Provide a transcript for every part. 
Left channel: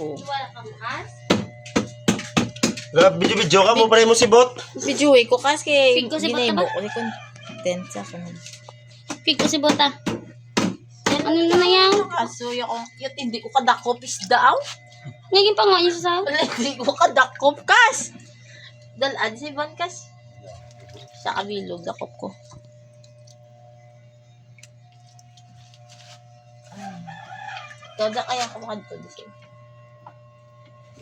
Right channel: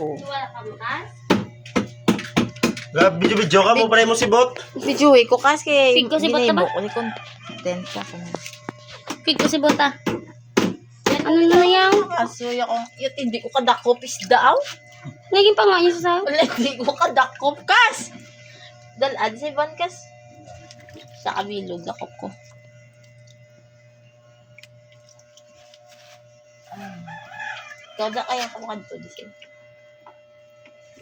Oh. Wala ka makas? Video ka mo pala mo si Bot. Video ko kasi Pig ko si Bota ginaibo ba? ko ni content sa kuno. Pig ko si Bota. Ano na yan? Kaso yung hindi ko kadakop isda aw. Naging pa nga niya sa sao? Wala hindi ko kadakop kas. Dalad si Van kas. Sa kabilog dakop ko. Kada kaya ka makadto dito.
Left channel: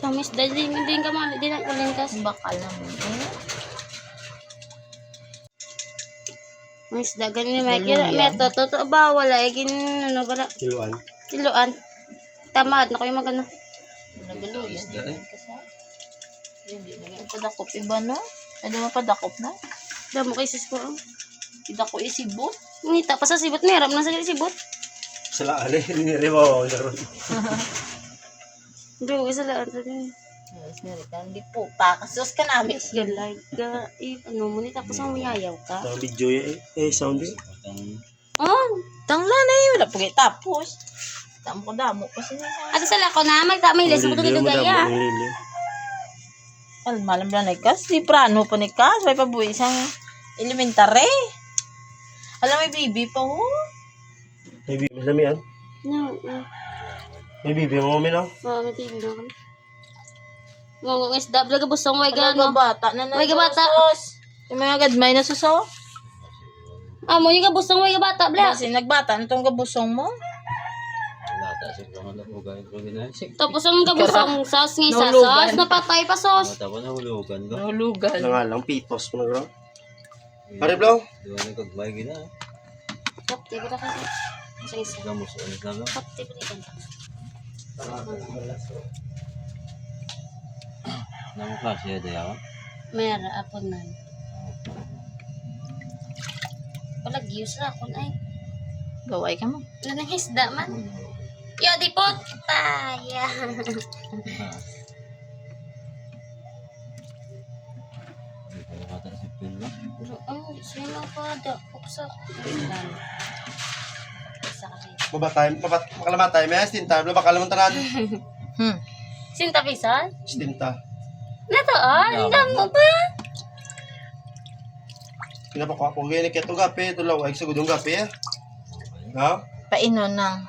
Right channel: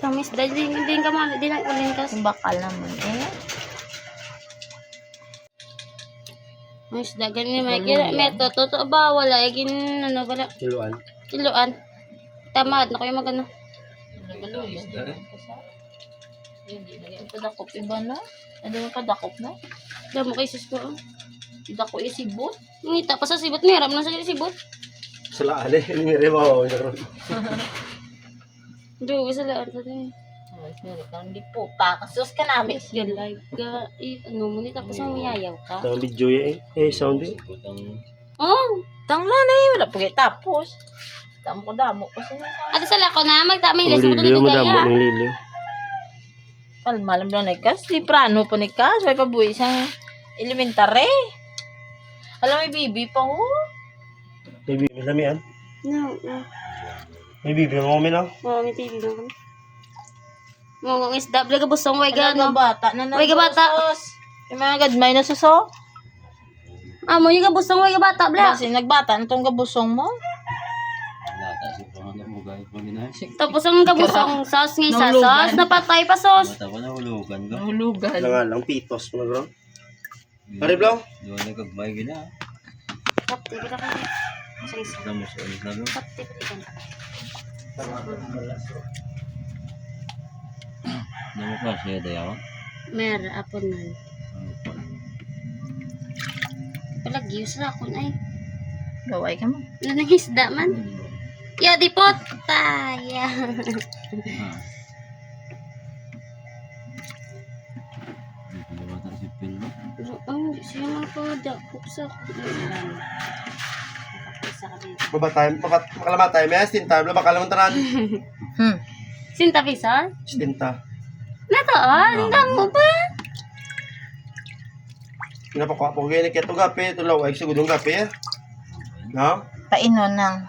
Kamis, dahil hindi ka mali, di na uling kas. Yung bakal naman Mas dagan ni may kira meto totoo ba wala gin ano bala Kiluan. kiloan. Tamad na ko yung magano. Nagaluyan. Hindi na yung padakop iba na. Ano mo padakop na? Damo kay sis ko. Ida ko isibot. Ngita pa sa sibot ni ram na sa sibot. Sila ale ni Remo naron. Do sa laan sa din. Mas meron ka hindi po pa. Kasus ka namin. Galay ka ano mo ni tapos ang mayayaw ka. Tawag video sound eh. Oh, Tangla na yun. Wala pagay tapos. Tamo ko damo. Kasi ato sa lako na magtamay les mo Liliw tuloy mo kaya. damo ng liliw. malam lang na ikas. Di prano po ni Kas. May pabuhay siyang elementary. Alam may bibi pa ho. May bibi lami an. No, no. May bibi mo kami no. Oh, may TV mo kami. Mo ngis dabla ka busong way Wala gano. bata na Uy, kabata. sus. Yung mga gadmay na suso. Ah, mo yung ka busong way ka bata bla. Kasi nagbata na tong kabusong mo. Tapos ang kabusong sauce ng isa Nahulugan. sauce napatay pa sauce. Nahulugan. Nga lang pitos mo gro. Are blaw. Kapti ba ka? Sa isa. Kapti ba ka? Mera apon na. Palagi sa akon ay. Gaway ka mo. Nanangisda man. Ya di pot. Taya. Oh, siya mga padakop sa Makalamatay may stinta bla bakalamon tanan. Sinta pisa? Stinta. Nato ang damo ba? Napako po gani keto gapi tulaw ay sugudong gapi. No? Painon nang.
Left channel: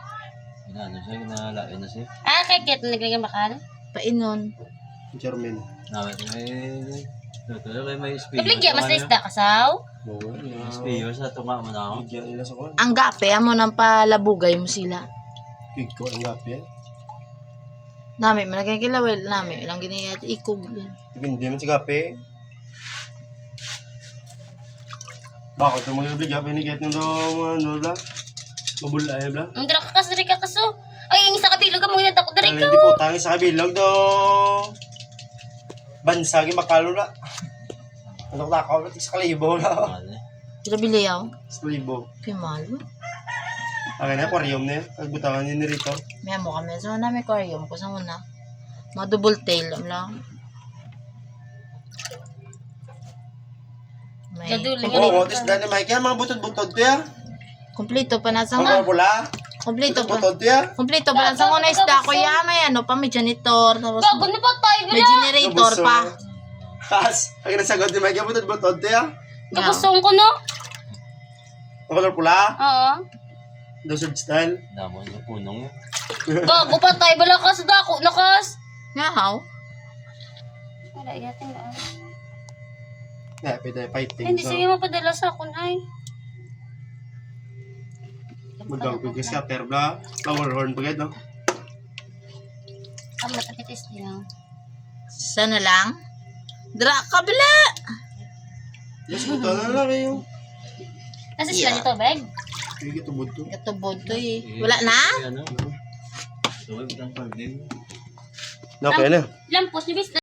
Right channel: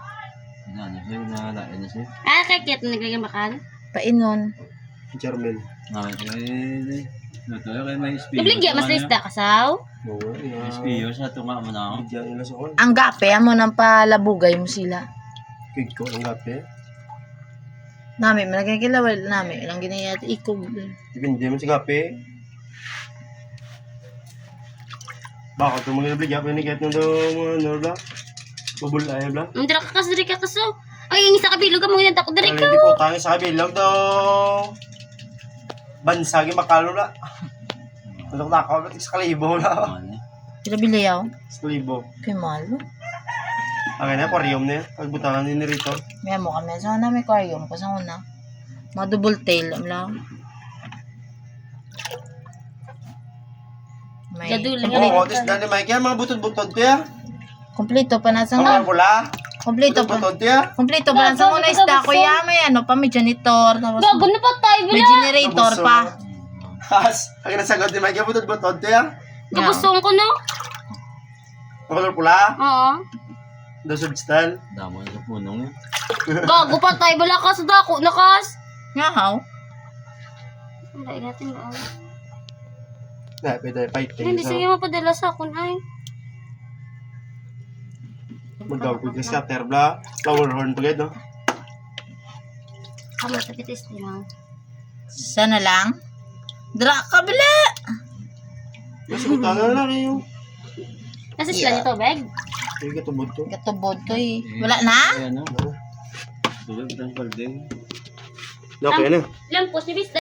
Ah, kakit naglagay bakal. Painon. German. Ibligya mas lisda kasaw. Oo. Bigyan nila sa kon. Ang gape mo nang palabugay mo sila. Kid ko ang gapi. Nami, malagay kilawal nami. Ilang ginayat ikog. Dipindi man si gapi. Bakit mo mga bigyan pa ni get nung do ano bla? Bubulay bla. Hindi ka kas diri ka kaso. Ay, ang isa kabilog ka mo ginadako diri Ano ka. di po tangi sa kabilog do. Bansagi makalo na. Ano ko takaw sa kalibo na. Sila biliyaw. Sa kalibo. Pimalo. Ang na aquarium na pagbutangan ni Rito. May mo kami. So, na may aquarium ko sa una. Mga double tail. Lang. May Gaduling Oo, tis dani Mike mga butod-butod to ya. kompleto pa na sa Ang mga pula. kompleto pa. Butod to ya. Kompleto pa na sa una isda ko ya. May ano pa, may janitor. Tapos Gago na pa tayo may bila. generator pa. Kas, ang nasagot ni Mike butod-butod to ya. Kabusong ko no. Ang color pula. Oo. Do substal. Gago pa tayo bala ka sa dako nakas. Nga how? Wala yatin ba? Na, pwede fighting. Hindi siya mapadala sa akon ay. Magawag ko sa terbla. Flower horn pa no? Ang matapitis niya. Sana lang. Dra kabila. Mas kuta na lang kayo. Nasa sila nito, bag? Sige, tubod to. Katubod to eh. Wala na? Okay na. Lampos ni Bis.